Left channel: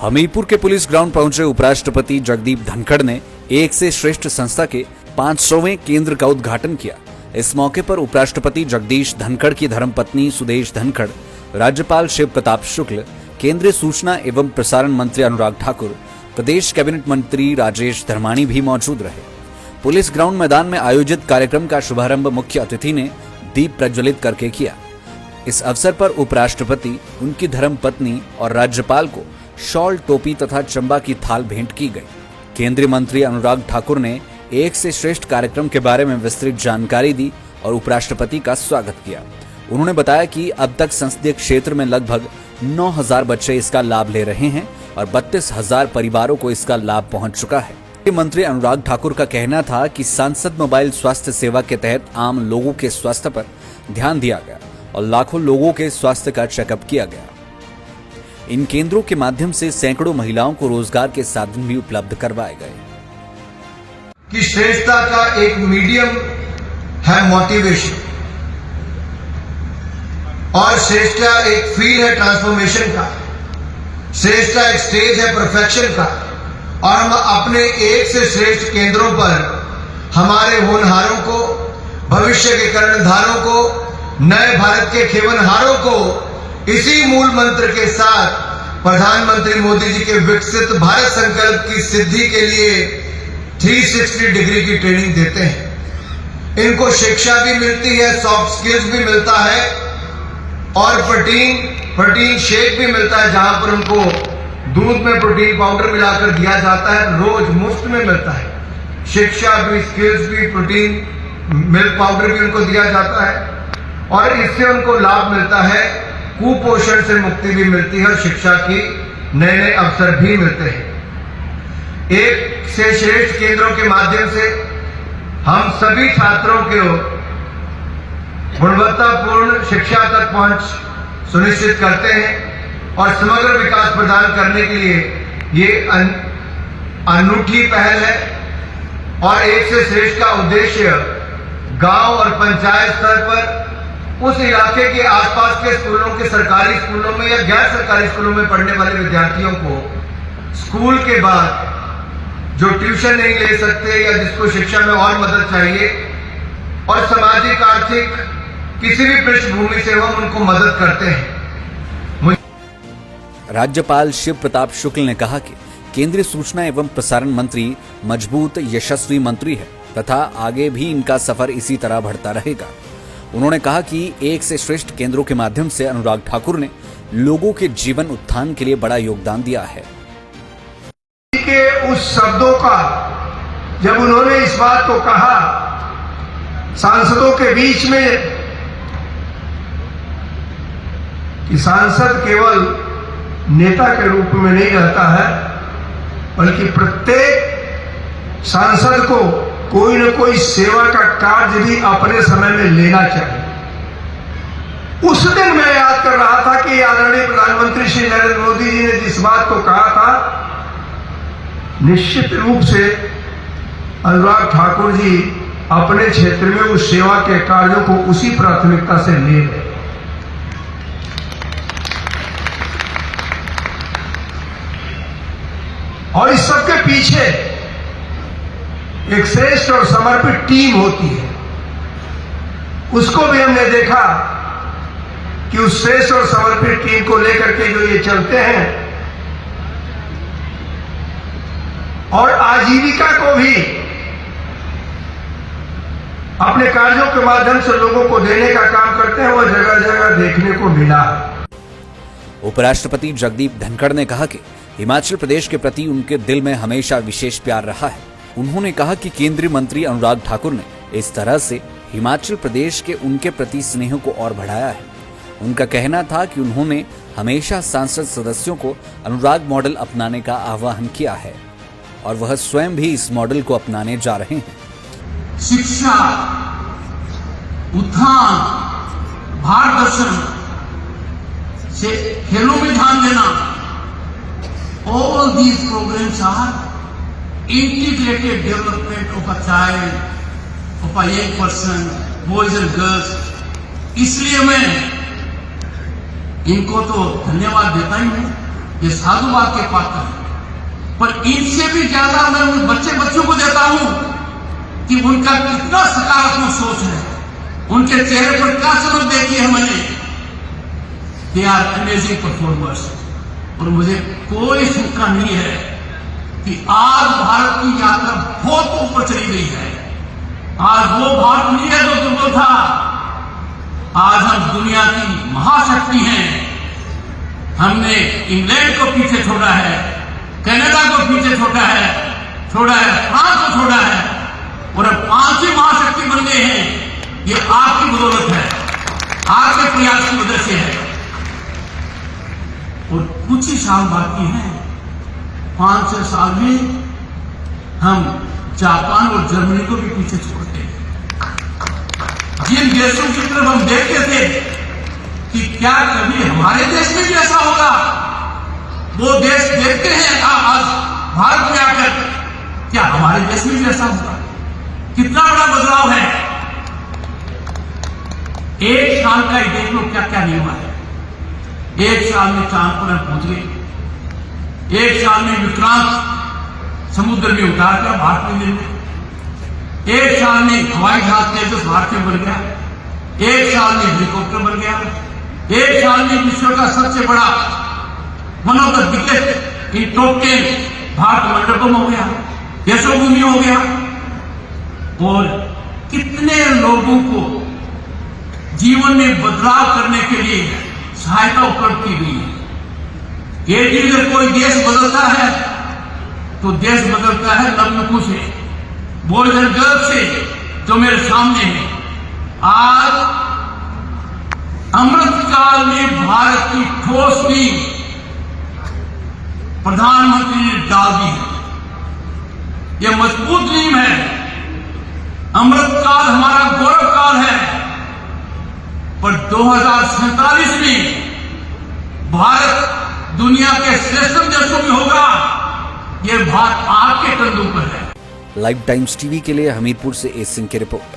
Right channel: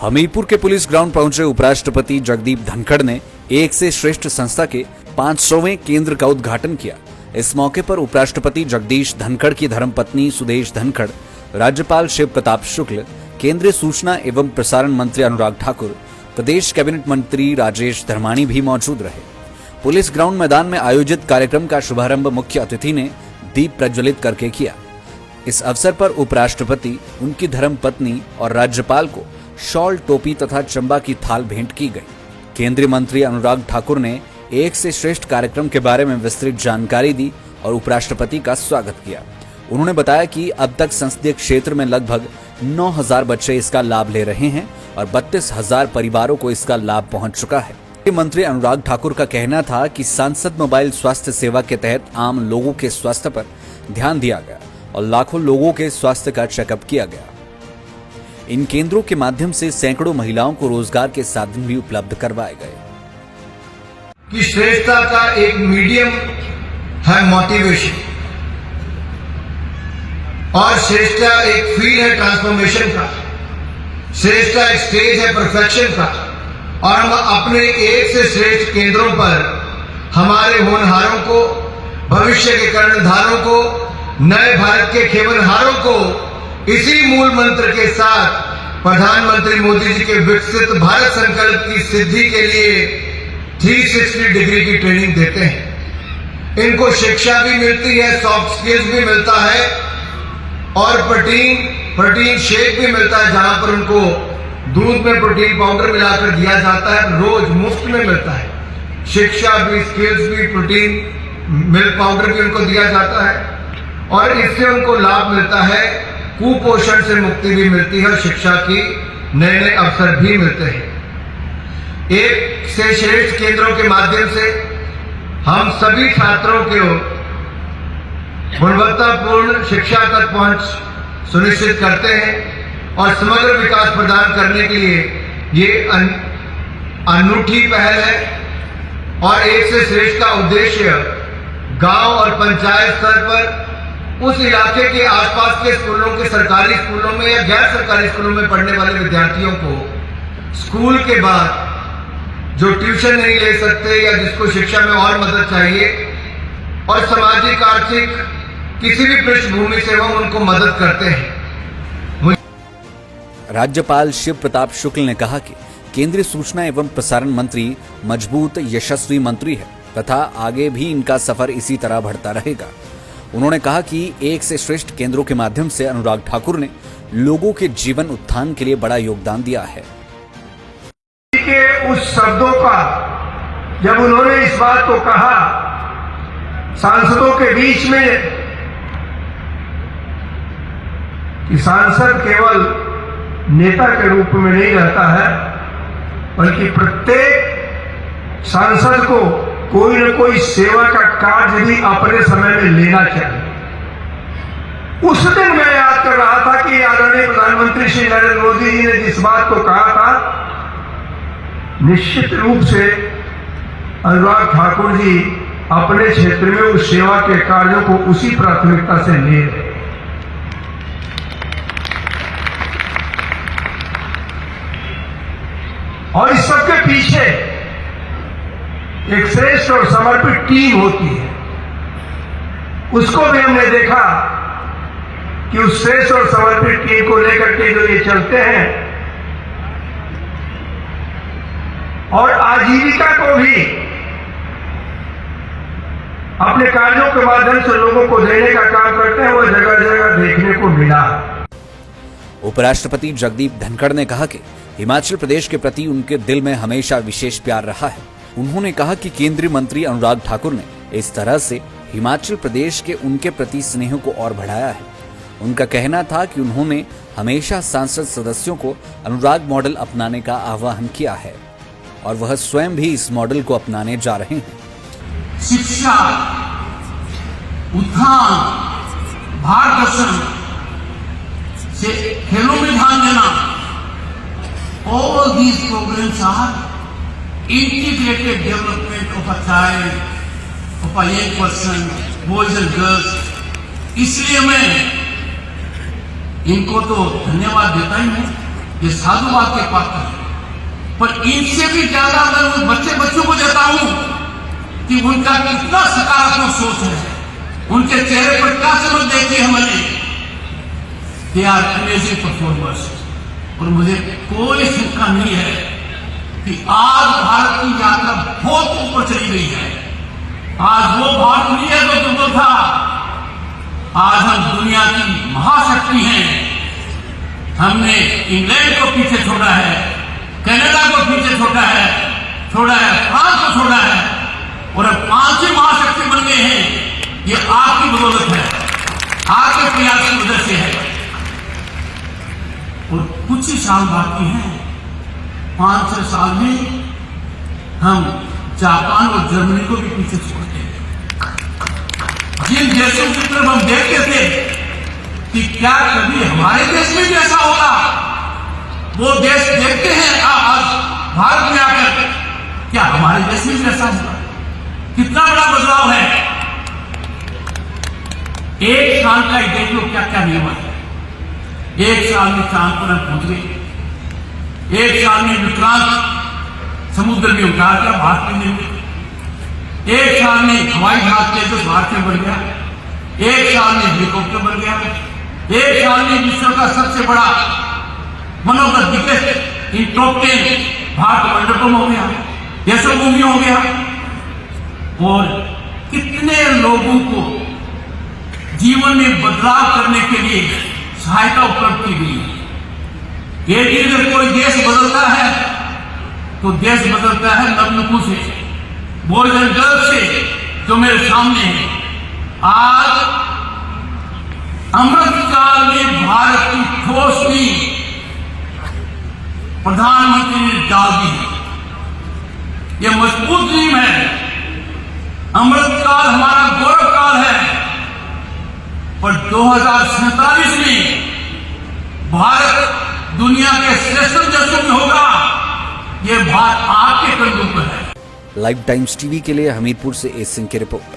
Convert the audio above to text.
हमीरपुर के police ground पहुंचे उपराष्ट्रपति जगदीप धनखड़ ने एक से श्रेष्ठ संस्था के 500वें केंद्र का उद्घाटन किया। इस मौके पर उपराष्ट्रपति जगदीश धनखड़ की धर्मपत्नी सुदेश धनखड़, राज्यपाल शिव प्रताप शुक्ल, केंद्रीय सूचना एवं प्रसारण मंत्री अनुराग ठाकुर, प्रदेश कैबिनेट मंत्री राजेश धर्माणी भी मौजूद रहे। पुलिस ग्राउंड मैदान में आयोजित कार्यक्रम का शुभारंभ मुख्य अतिथि ने दीप प्रज्वलित करके किया। इस अवसर पर उपराष्ट्रपति, उनकी धर्मपत्नी और राज्यपाल को शॉल, टोपी तथा चंबा की थाल भेंट की गई। केंद्रीय मंत्री अनुराग ठाकुर ने एक से श्रेष्ठ कार्यक्रम के बारे में विस्तृत जानकारी दी और उपराष्ट्रपति का स्वागत किया। उन्होंने बताया कि अब तक संसदीय क्षेत्र में लगभग 9,000 बच्चे इसका लाभ ले रहे हैं और 32,000 परिवारों को इसका लाभ पहुंच चुका है। मंत्री अनुराग ठाकुर का कहना था कि सांसद मोबाइल स्वास्थ्य सेवा के तहत आम लोगों के स्वास्थ्य पर ध्यान दिया गया और लाखों लोगों के स्वास्थ्य का चेकअप किया गया। इन केंद्रों के माध्यम से सैकड़ों महिलाओं को रोजगार के साधन भी उपलब्ध करवाए गए। कि श्रेष्ठता का एक मीडियम है मोटिवेशन और श्रेष्ठता एक फील्ड है ट्रांसफॉर्मेशन का, श्रेष्ठता एक स्टेज है परफेक्शन का। और हम अपने एक से श्रेष्ठ केंद्रों पर हमारे होनहारों को, भविष्य के कर्णधारों को, नए भारत के खेवनहारों को इसी मूल मंत्र के साथ प्रधानमंत्री मोदी जी के विकसित भारत संकल्प की सिद्धि के लिए 360 डिग्री की ट्रेनिंग देते हैं। इनको शिक्षा भी मिलती है, सॉफ्ट स्किल्स भी मिलता है और प्रोटीन शेक भी मिलता है, जहां पर उनको दूध में प्रोटीन पाउडर मिलाकर दिया जाता है, रोज मुफ्त में मिलता है। शिक्षा भी, स्किल्स भी, प्रोटीन मिल्क पाउडर भी उनको दिया जाता है और इससे उनको लाभ मिलता है, कुपोषण से मुक्ति भी मिलती है और शिक्षा की नए अवसर भी मिलते हैं। एक से श्रेष्ठ केंद्रों के माध्यम से हम सभी छात्रों को गुणवत्तापूर्ण शिक्षा तक पहुंच सुनिश्चित करते हैं और समग्र विकास प्रदान करने के लिए ये अनूठी पहल है। और एक से श्रेष्ठ का उद्देश्य गांव और पंचायत स्तर पर उस इलाके के आसपास के स्कूलों के, सरकारी स्कूलों में या गैर सरकारी स्कूलों में पढ़ने वाले विद्यार्थियों को स्कूल के बाद जो ट्यूशन नहीं ले सकते या जिसको शिक्षा में और मदद चाहिए और सामाजिक आर्थिक किसी भी पृष्ठभूमि से हम उनको मदद करते हैं। राज्यपाल शिव प्रताप शुक्ल ने कहा कि केंद्रीय सूचना एवं प्रसारण मंत्री मजबूत, यशस्वी मंत्री है तथा आगे भी इनका सफर इसी तरह बढ़ता रहेगा। उन्होंने कहा कि एक से श्रेष्ठ केंद्रों के माध्यम से अनुराग ठाकुर ने लोगों के जीवन उत्थान के लिए बड़ा योगदान दिया है। के उस शब्दों का जब उन्होंने इस बात को कहा सांसदों के बीच में कि सांसद केवल नेता के रूप में नहीं रहता है, बल्कि प्रत्येक सांसद को कोई न कोई सेवा का कार्य भी अपने समय में लेना चाहिए। उस दिन मैं याद कर रहा था कि आदरणीय प्रधानमंत्री श्री नरेंद्र मोदी जी ने जिस बात को कहा था, निश्चित रूप से अनुराग ठाकुर जी अपने क्षेत्र में उस सेवा के कार्यों को उसी प्राथमिकता से ले रहे। और इस सबके पीछे एक श्रेष्ठ और समर्पित टीम होती है। उसको भी हमने देखा कि उस श्रेष्ठ और समर्पित टीम को लेकर के जो ये चलते हैं और आजीविका को भी अपने कार्यों के माध्यम से लोगों को देने का काम करते हैं, वो जगह जगह देखने को मिला। उपराष्ट्रपति जगदीप धनखड़ ने कहा कि हिमाचल प्रदेश के प्रति उनके दिल में हमेशा विशेष प्यार रहा है। उन्होंने कहा कि केंद्रीय मंत्री अनुराग ठाकुर ने इस तरह से हिमाचल प्रदेश के उनके प्रति स्नेह को और बढ़ाया है। उनका कहना था कि उन्होंने हमेशा सांसद सदस्यों को अनुराग मॉडल अपनाने का आह्वान किया है और वह स्वयं भी इस मॉडल को अपनाने जा रहे हैं। शिक्षा, उत्थान, भारत दर्शन से खेलों में ध्यान देना, all these programs are integrated development of a child, of a young person, boys and girls. इसलिए मैं इनको तो धन्यवाद देता ही हूं ये साधुवाद के पात्र हैं। पर इनसे भी ज्यादा मैं उन बच्चों को देता हूं कि उनका कितना सकारात्मक सोच है, उनके चेहरे पर क्या समझ देखी है मैंने। They are amazing performers. और मुझे कोई शंका नहीं है कि आज भारत की यात्रा बहुत ऊपर चली गई है। आज वो भारत नहीं है जो दुर्बल था। आज हम दुनिया की महाशक्ति हैं। हमने इंग्लैंड को पीछे छोड़ा है, कनाडा को पीछे छोड़ा है, फ्रांस को छोड़ा है, और अब 5वीं महाशक्ति बन गए हैं। ये आपकी बदौलत है, आपके प्रयास की वजह से है। और कुछ ही साल बाकी हैं। 5-6 साल में हम जापान और जर्मनी को भी पीछे छोड़ देंगे। जिन देशों की तरफ हम देखते थे कि क्या कभी हमारे देश में भी ऐसा होगा, वो देश देखते हैं आज भारत में आकर, क्या हमारे देश में भी ऐसा होगा? कितना बड़ा बदलाव है। एक साल का ही देख लो क्या क्या निर्माण है। 1 साल में चांद पर हम पहुंच गए। 1 साल में विक्रांत समुद्र में उतार दिया, भारत में मिल गए। 1 साल में हवाई जहाज तेजस भारत में बढ़ गया। 1 साल में हेलीकॉप्टर बन गया। 1 साल में विश्व का सबसे बड़ा one of the biggest in top 10 Bharat Mandapam हो गया, देशभूमि हो गया। और कितने लोगों को जीवन में बदलाव करने के लिए सहायता उपलब्ध की गई है। ये जब कोई देश बदलता है तो देश बदलता है नवयुवकों से, बॉयज एंड गर्ल्स से, जो मेरे सामने है। आज अमृतकाल में भारत की ठोस नींव प्रधानमंत्री ने डाल दी है। यह मजबूत नींव है। अमृतकाल हमारा गौरव काल है। पर 2047 में भारत दुनिया के श्रेष्ठ देशों में होगा, ये बात आपके कंधों पर है। लाइव टाइम्स टीवी के लिए हमीरपुर से एस सिंह की रिपोर्ट।